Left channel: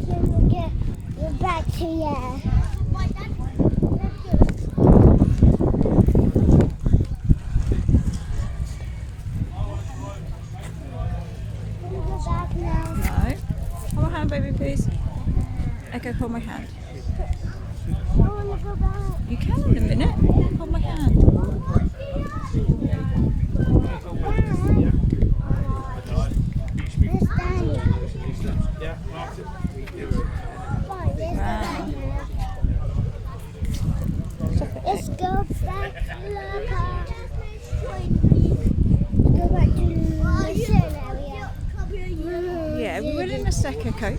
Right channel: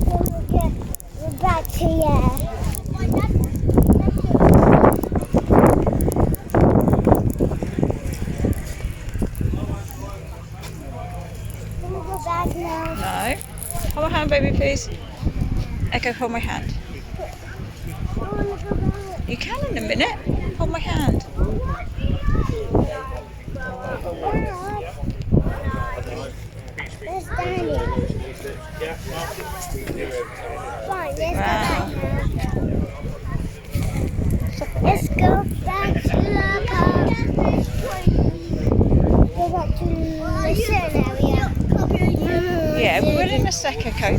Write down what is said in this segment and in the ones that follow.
We're back to yeah. No. Hold my hand, baby, please. Echo, hold my hand. You can in a minute. Hold my hand. Wow. Let's go back to the park. Go back to the certain area. Yeah, we will in a sec, Echo.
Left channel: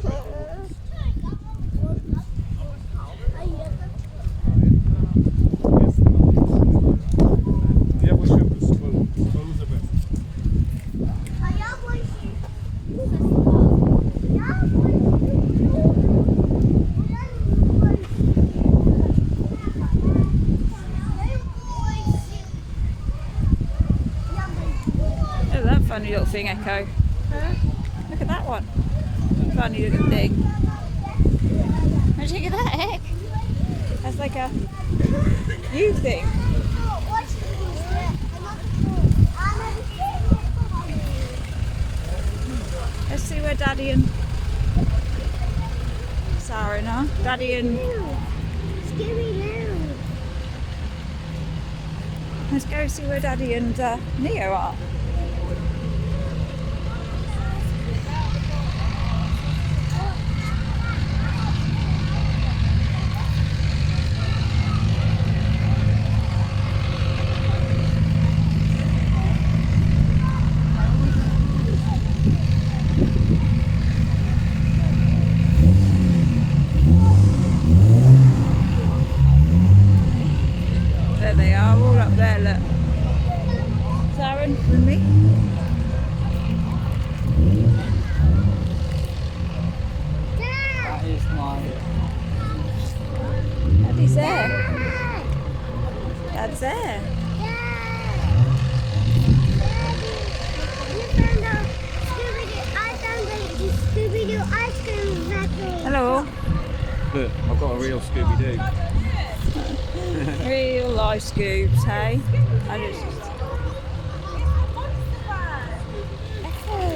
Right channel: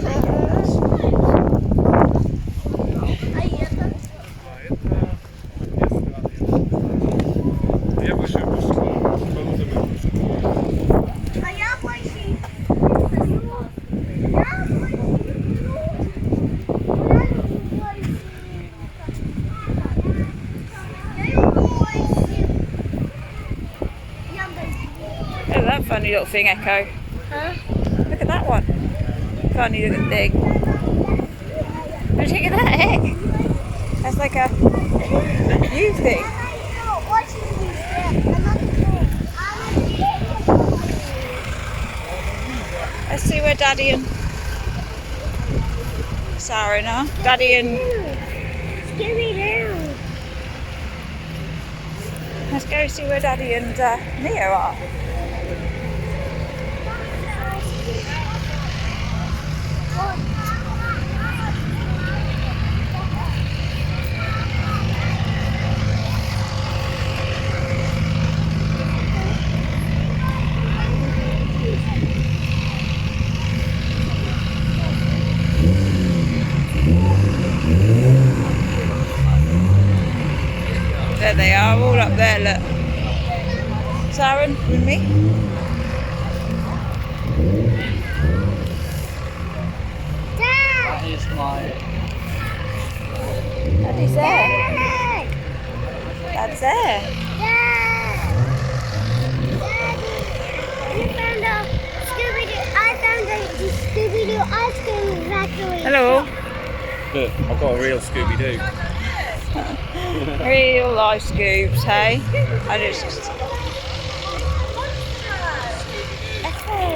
Look at that funny little thing, Echo. Huh? Look at that one. Funny little thing. What do you think of that, Eck? That's like a new thing. Let's see where Daddy and Sarah are. Daddy and... Scooby-Doo. Let's go see where Daddy and Neo are. There they are, all up there, look. Sarah with me. That is my... Daddy's there. Dad! Dad's there. Scooby-Doo ice cream factory. Hello. Look, I've got a real Scooby-Doo. Real life scoops, hey? And it's just... I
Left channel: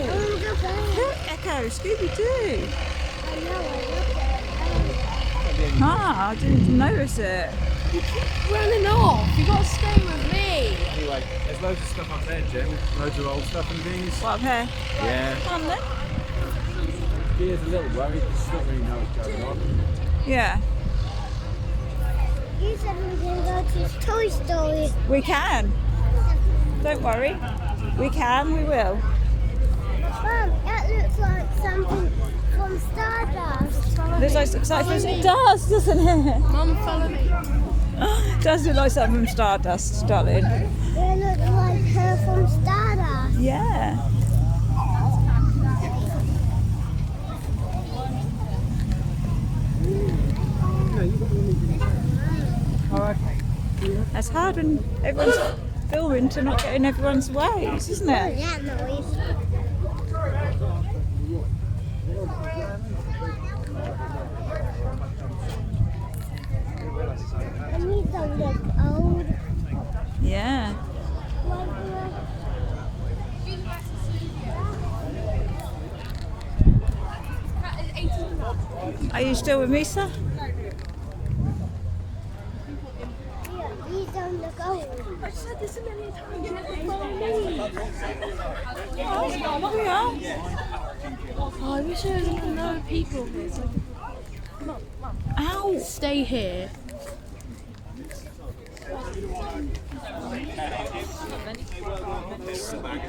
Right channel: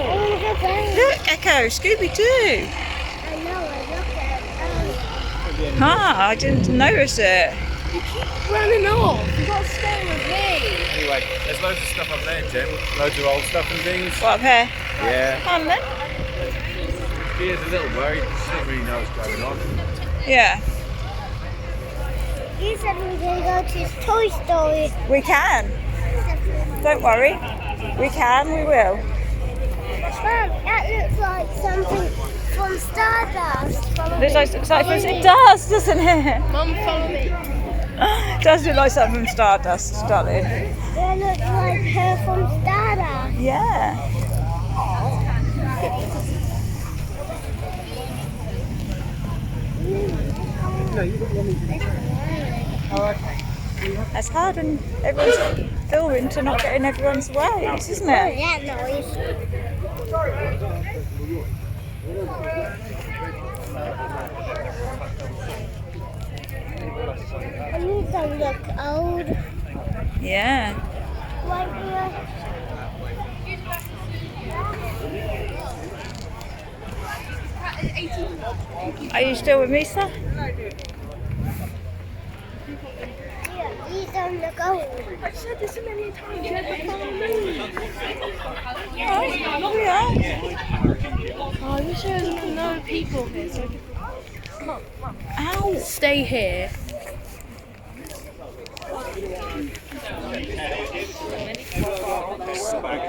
want to go back. Look, Echo, Scooby-Doo. I know, I looked at it. Ah, I didn't notice it. You keep running off. You got to stay with me. Anyway, there's loads of stuff up there, Jim. Loads of old stuff and things. What, up here? Yeah. Come on then. She is a little worried. She doesn't really know what's going on. Yeah, You said we can go to Toy Story. we can. Don't worry. We can, we will. Mom, that looks like something from Stardust. Looks like excitement. It does, doesn't it? Mum found it. It does look like something from Stardust, darling. That looks like her from Stardust. Yeah. That's hard when everyone's filming to not get in everyone's ways, isn't Oh, it? that noise. I need to look old. Yeah. Like, Are you still with me, sir? these don't look old. I've said this a million times, you never follow me. Oh, yeah. Oh, I wish there was no people here so I could Ow. stay here.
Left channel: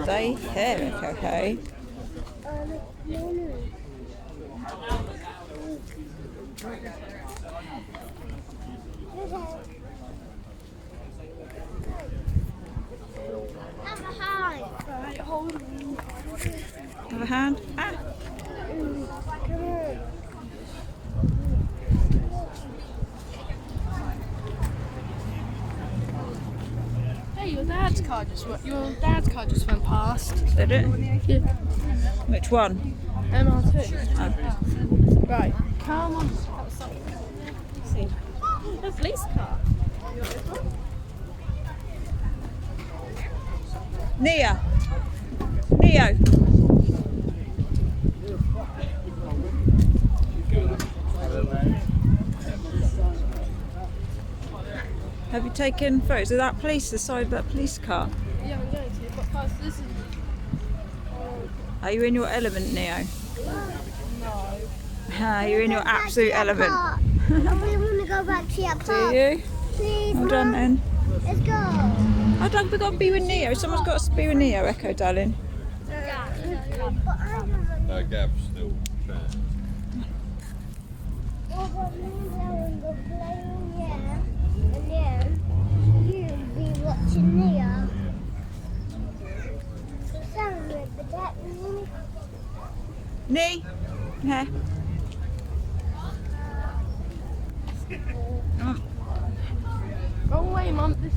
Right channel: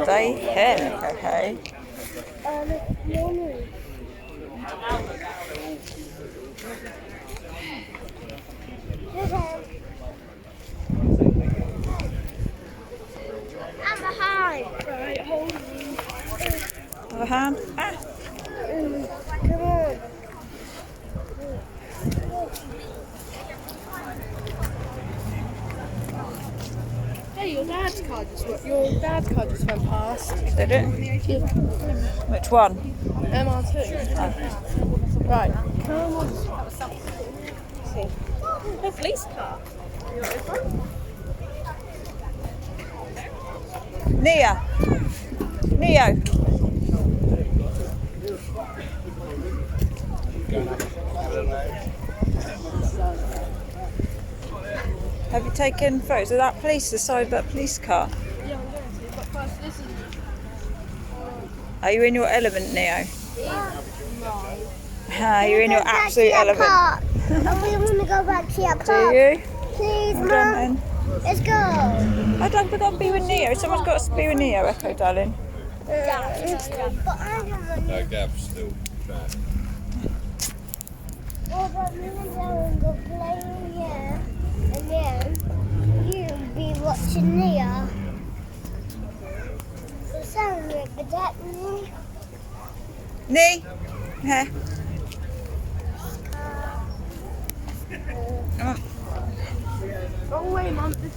They can, okay. Mommy. I'm behind. Have a hand. Ah. Come on. Hey, your dad's car just went past. Did it? Yeah. Which one? MR2. Right. Come on. See. A police car. You want this one? Neo. Neo. Have you taken photos of that police, the side of that police car? Yeah, we're going to. But first, this is. Are you in your element, Neo? No. You're in your absolute element. We want to go back to your Do car. you? Please, Well Mum. done then. Let's go. I'd like to go and be with Neo. Someone's got to be with Neo, Echo, darling. But I don't want That gap's still trash. Well, but me and Ellen go playing here, and then you'll be watching Nia. So sound like that, me. Nee? Yeah. Oh, Oh, wait, Mum. This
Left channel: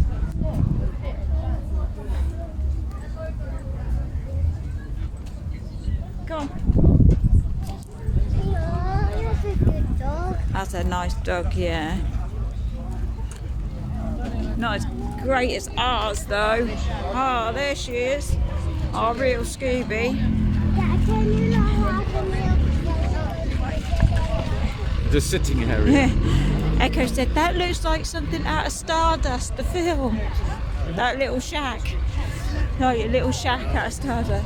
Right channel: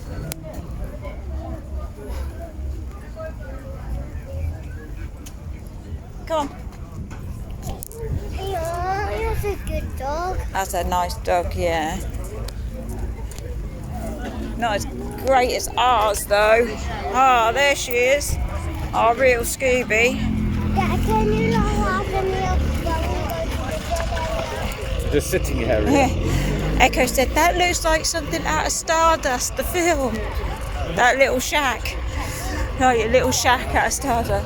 come on. Yeah, that's a good dog. That's a nice dog, yeah. Not as great as ours, though. Ah, there she is. Our real Scooby. Dad, can you not have the milk? Just sitting here. Echo said, that looks like something out of Stardust, the film. That little shack. No, your little shack out of Stardust.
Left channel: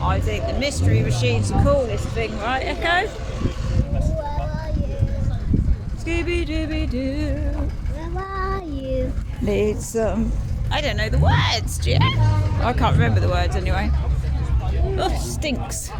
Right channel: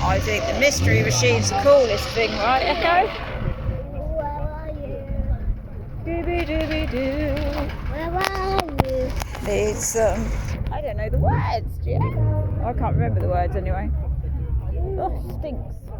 I think the mystery machine's the coolest thing, right, Echo? Where are you? Scooby-Dooby-Doo. Where are you? Need some. I don't know the words, do you? I can't remember the words anyway. Oh, stinks.